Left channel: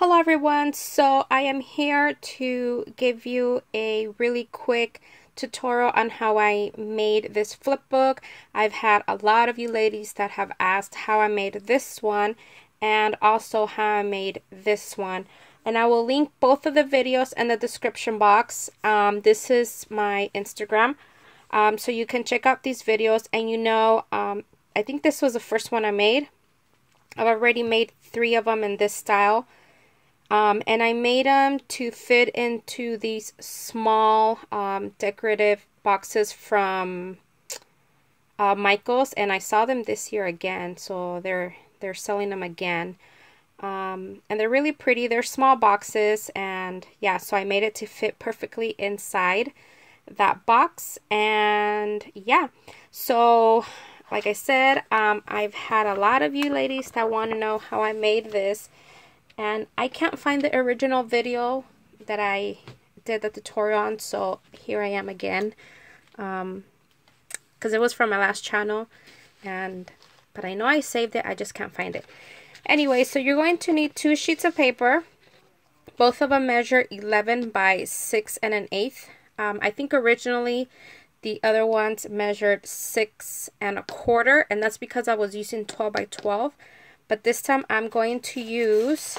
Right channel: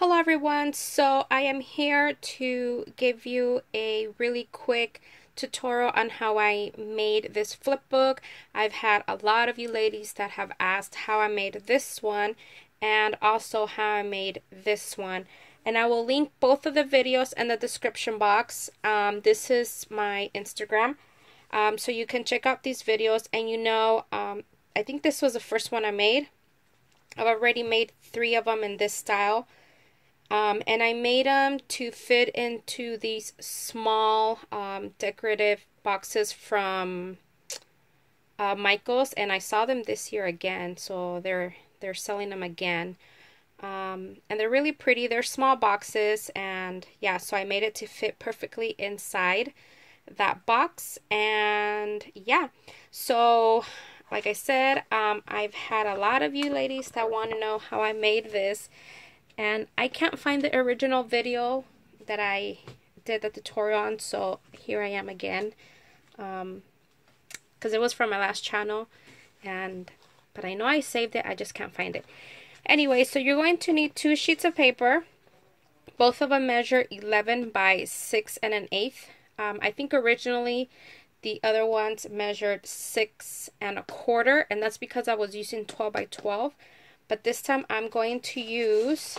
Hello everyone, so I am here to give you a really quick tutorial on how I made this flip book. I've had a lot of you ladies that have asked how I made this one and also how I made this one. And I will link both of the videos in the description box. This is my Instagram, so you can check out these videos. And I think this was the first one I made. I've already made 3 of them in this style. And I made them to fit into these small decorative boxes from Michael's, and I saw them this year again, so they're selling them again. And they're really pretty. They're small boxes, and yeah, so I made it to fit perfectly inside that box. And yeah, so like I said, I've had a lot of you ladies that want to know how I made this. And I can't find the original video that I did the tutorial on, so here I am again. Because it was from my last channel, but I know I saved it, I just can't find it. Anyway, so you're going to need 2 sheets of paper. Both of them measure 11 by 6 1/8. I think originally the other ones measured 6 1/4, and that's because I was using 12 by 12. But this time I'm going to use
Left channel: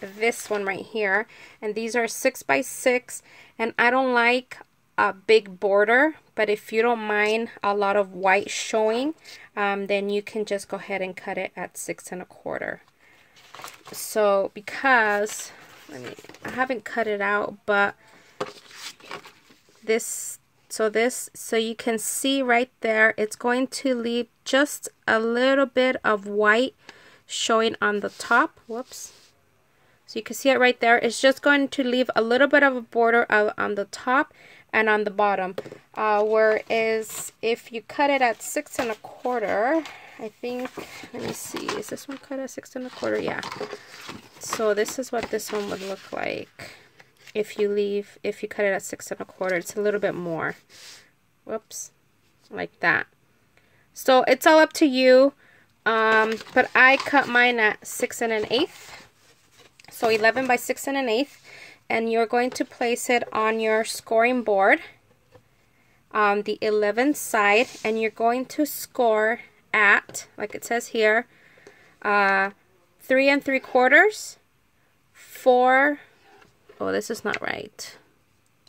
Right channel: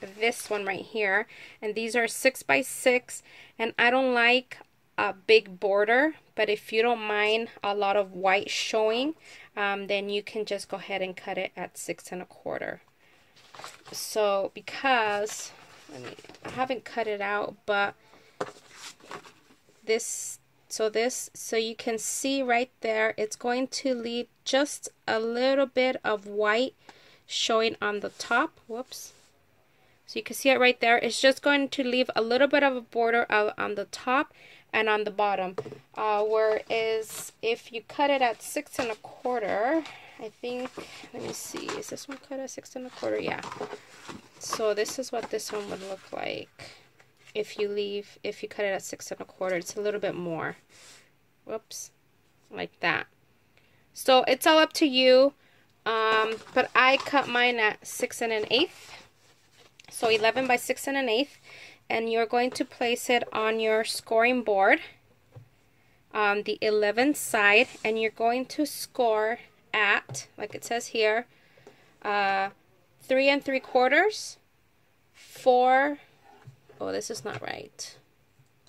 this one right here. And these are 6 by 6. And I don't like a big border. But if you don't mind a lot of white showing, then you can just go ahead and cut it at 6 1/4. So because, I haven't cut it out, but so you can see right there, it's going to leave just a little bit of white showing on the top. Whoops. So you can see it right there. It's just going to leave a little bit of a border on the top and on the bottom. Whereas if you cut it at 6 1/4, I think, let me see, is this one cut at 6 1/4? Yeah. So this is what this one would look like if you cut it at 6 1/4. It's a little bit more. Whoops. Like that. So it's all up to you. But I cut mine at 6 1/8, so 11 by 6 1/8, and you're going to place it on your scoring board on the 11th side, and you're going to score at, like it says here, 3 3/4, 4. Oh, this is not right.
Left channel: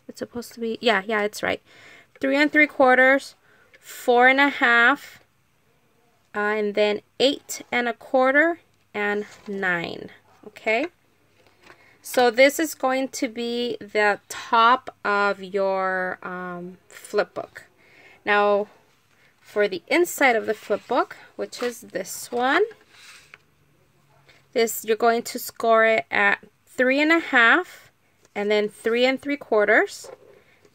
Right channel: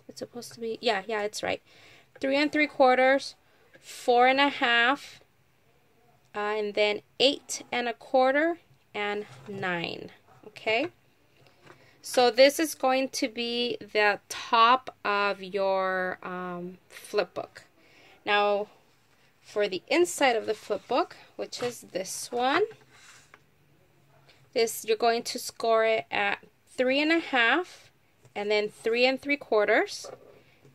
It's supposed to be, yeah, it's right. 3 3/4, 4 1/2. And then 8 1/4 and 9. Okay, so this is going to be the top of your flip book. Now for the inside of the flip book, which is this one, you're going to score it at 3 1/2, and then 3 3/4,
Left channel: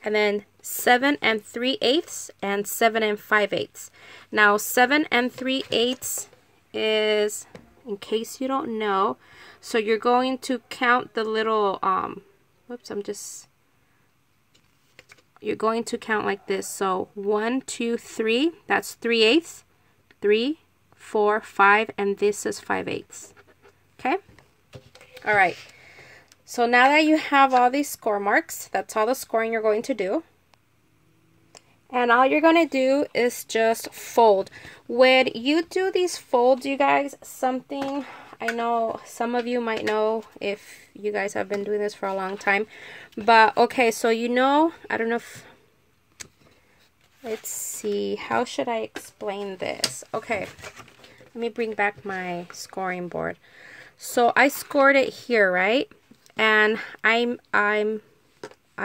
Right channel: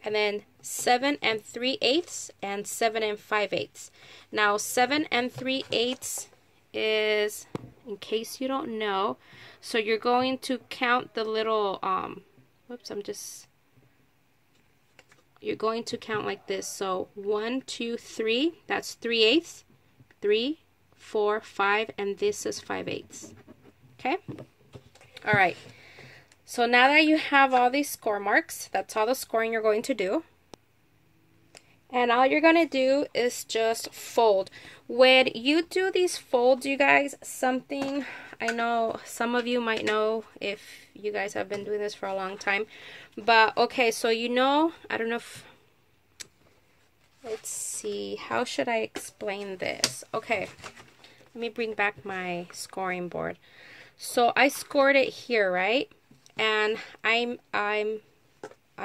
and then 7 3/8 and 7 5/8. Now 7 3/8 is, in case you don't know, so you're going to count the little you're going to count like this. So 1 2 3, that's 3/8, 3 4 5, and this is 5/8. Okay, all right. So now that you have all these score marks, that's all the scoring you're going to do. And all you're going to do is just fold. When you do these folds, you guys, something I know some of you might know if you guys have been doing this for a long time. But okay, so I don't know if, let's see, how should I explain this? Okay, let me bring back my scoring board. So I scored it here, right? And I'm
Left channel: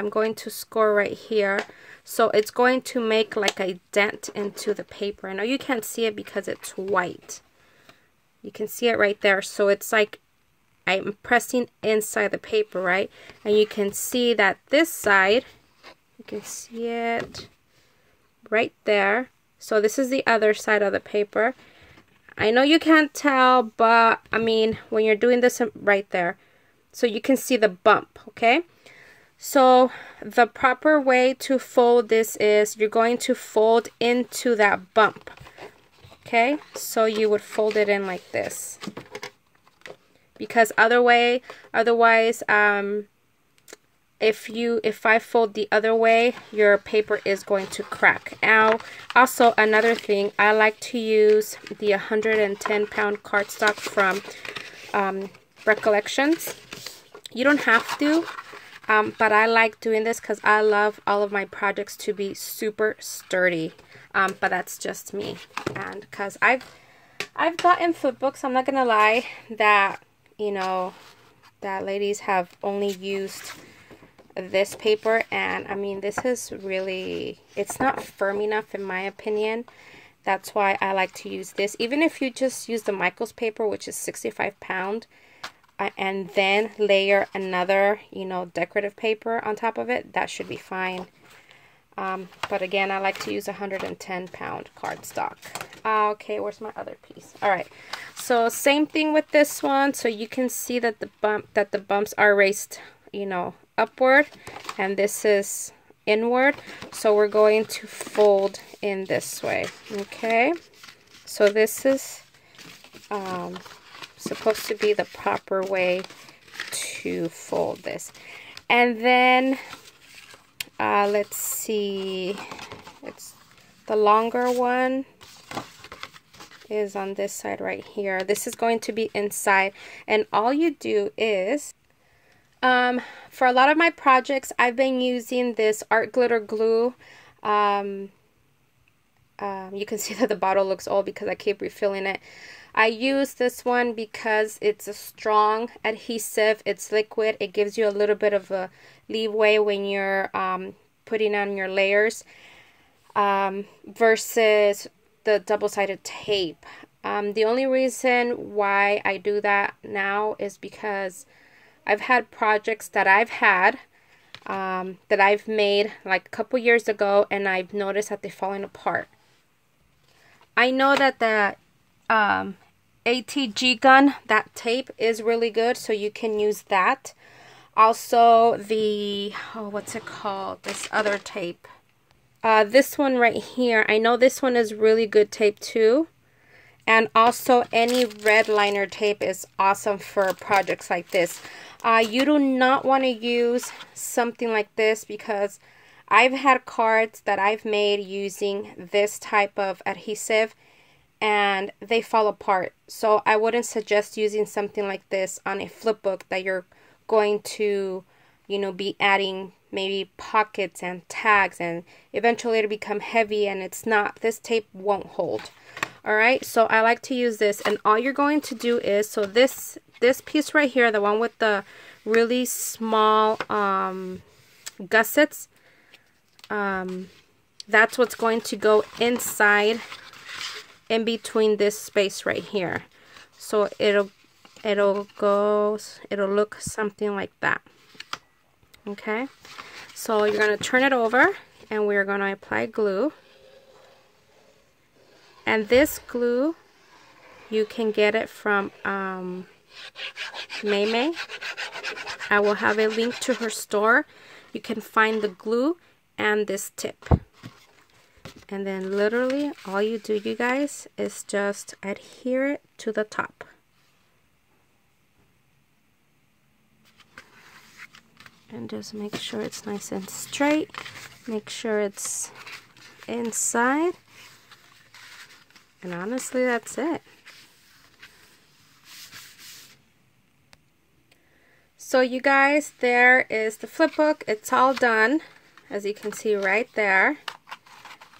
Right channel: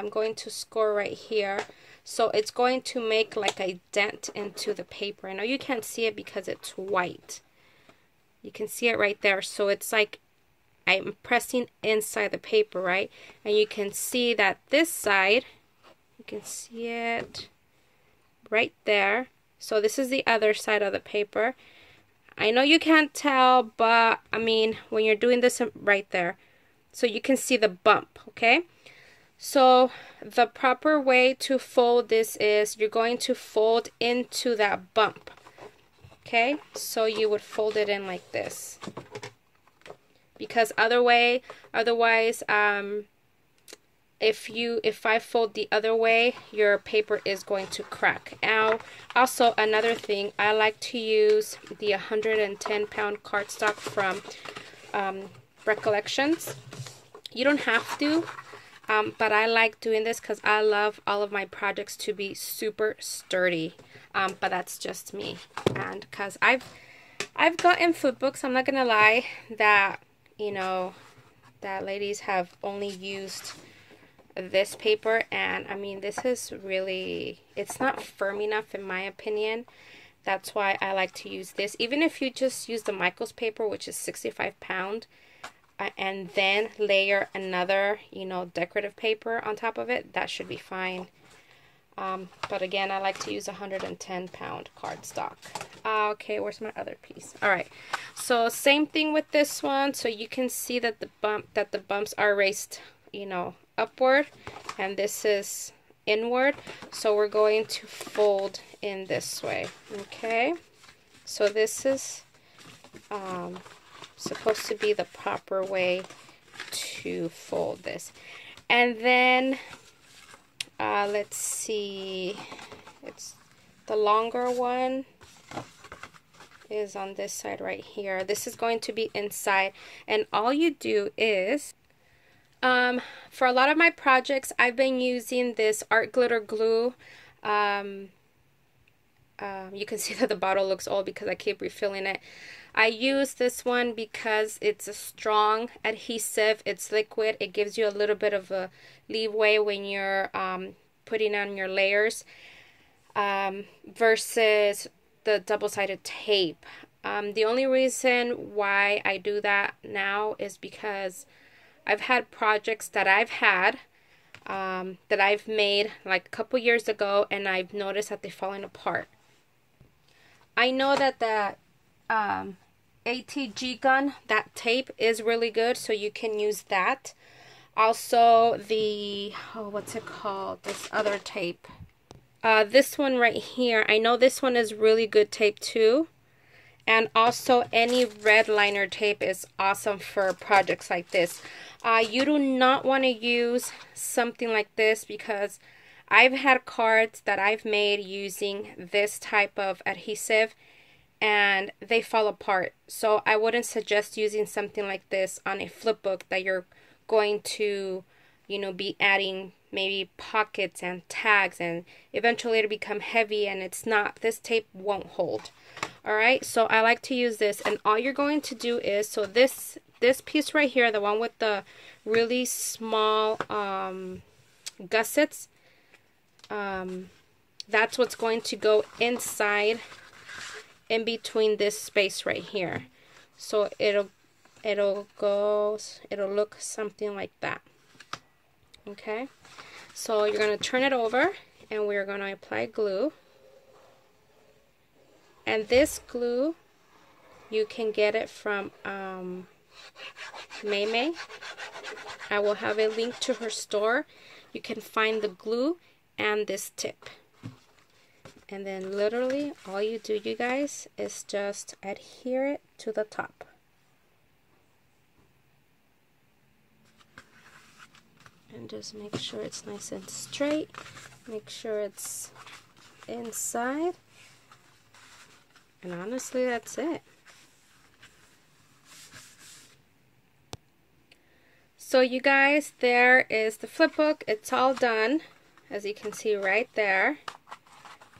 going to score right here. So it's going to make like a dent into the paper. I know you can't see it because it's white. You can see it right there. So it's like I'm pressing inside the paper, right? And you can see that this side, you can see it right there. So this is the other side of the paper. I know you can't tell, but I mean, when you're doing this right there, so you can see the bump, okay? So the proper way to fold this is you're going to fold into that bump. Okay, so you would fold it in like this. because otherwise, if I fold the other way, your paper is going to crack. Now, also another thing, I like to use the 110-pound cardstock from Recollections. You don't have to, but I like doing this because I love all of my projects to be super sturdy. But that's just me, and because I've gotten flip books, I'm not gonna lie, that that ladies have only used this paper, and I mean, this is really, it's not firm enough in my opinion. That's why I like to use this. Even if you just use the Michaels paper, which is 65-pound, and then layer another decorative paper on top of it, that should be fine. But again, I like to use 110-pound cardstock. Okay, where's my other piece? All right, so same thing with this one. So you can see that the bumps are raised upward, and this is inward, so we're going to fold in this way. Okay, so this is supposed to be the proper way to fold this. And then let's see, it's the longer one is on this side right here. This is going to be inside, and all you do is for a lot of my projects, I've been using this art glitter glue. You can see that the bottle looks old because I keep refilling it. I use this one because it's a strong adhesive. It's liquid. It gives you a little bit of a leeway when you're putting on your layers versus the double-sided tape. The only reason why I do that now is because I've had projects that I've had that I've made like a couple years ago, and I've noticed that they're falling apart. I know that that ATG gun, that tape is really good, so you can use that. Also the, what's it called? This other tape. This one right here, I know this one is really good tape too. And also any red liner tape is awesome for projects like this. You do not want to use something like this because I've had cards that I've made using this type of adhesive and they fall apart. So I wouldn't suggest using something like this on a flip book that you're going to, be adding maybe pockets and tags, and eventually it'll become heavy, and this tape won't hold. Alright, so I like to use this, and all you're going to do is, so this piece right here, the one with the really small gussets, that's what's going to go inside in between this space right here. So it'll look something like that. Okay, so you're going to turn it over, and we're going to apply glue. And this glue, you can get it from May. I will have a link to her store. You can find the glue and this tip. And then literally all you do, you guys, is just adhere it to the top. And just make sure it's nice and straight. Make sure it's inside. And honestly, that's it. So you guys, there is the flip book. It's all done, as you can see right there.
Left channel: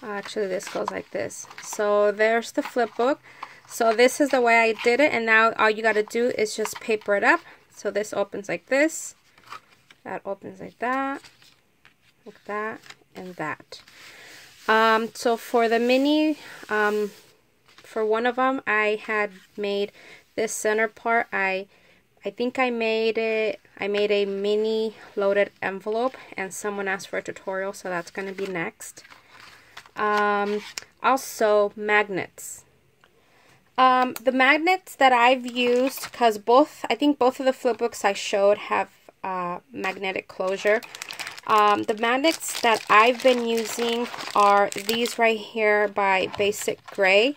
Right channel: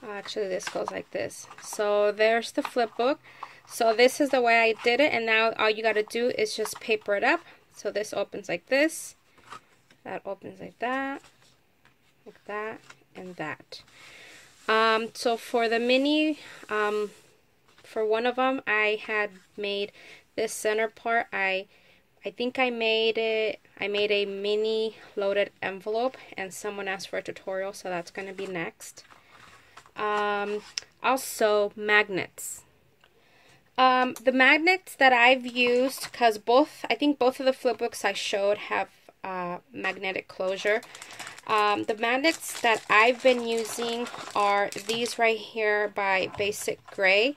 Actually, this goes like this. So there's the flip book. So this is the way I did it, and now all you got to do is just paper it up. So this opens like this. That opens like that, and that. So for the mini, for one of them, I had made this center part. I think I made a mini loaded envelope, and someone asked for a tutorial, so that's going to be next. Also magnets. The magnets that I've used, because I think both of the flip books I showed have magnetic closure. The magnets that I've been using are these right here by Basic Gray.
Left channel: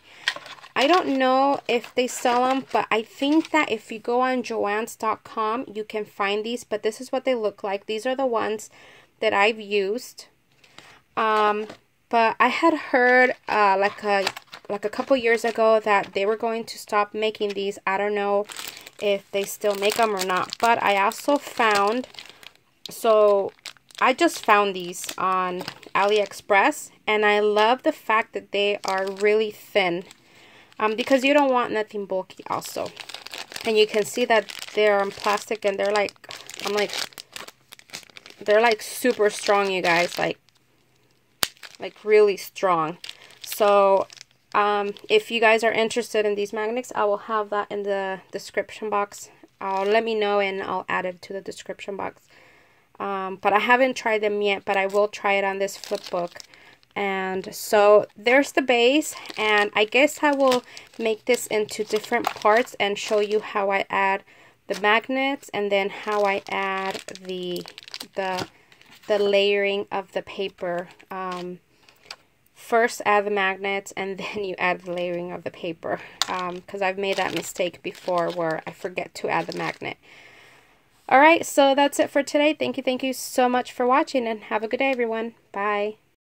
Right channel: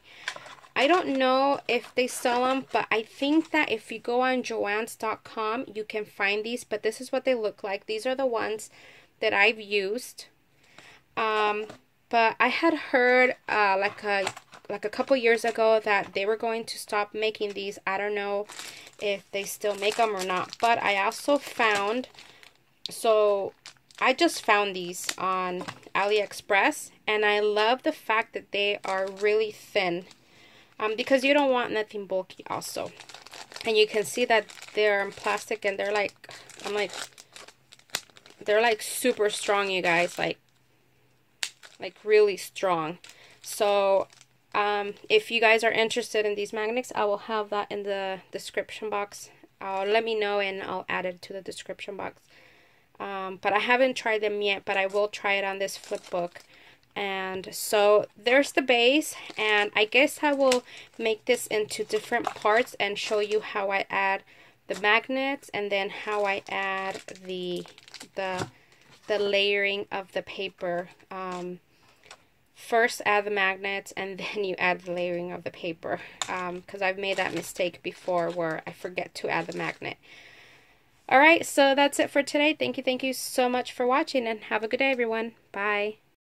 I don't know if they sell them, but I think that if you go on Joann's.com, you can find these, but this is what they look like. These are the ones that I've used. But I had heard like a couple years ago that they were going to stop making these. I don't know if they still make them or not, but I also found, so I just found these on AliExpress, and I love the fact that they are really thin, because you don't want nothing bulky also. And you can see that they're in plastic, and they're like, they're like super strong, you guys, like really strong. So if you guys are interested in these magnets, I will have that in the description box. Let me know and I'll add it to the description box. But I haven't tried them yet, but I will try it on this flip book. And so there's the base, and I guess I will make this into different parts and show you how I add the magnets, and then how I add the layering of the paper. First add the magnets, and then you add the layering of the paper, because I've made that mistake before where I forget to add the magnet. Alright, so that's it for today. Thank you so much for watching, and have a good day, everyone. Bye.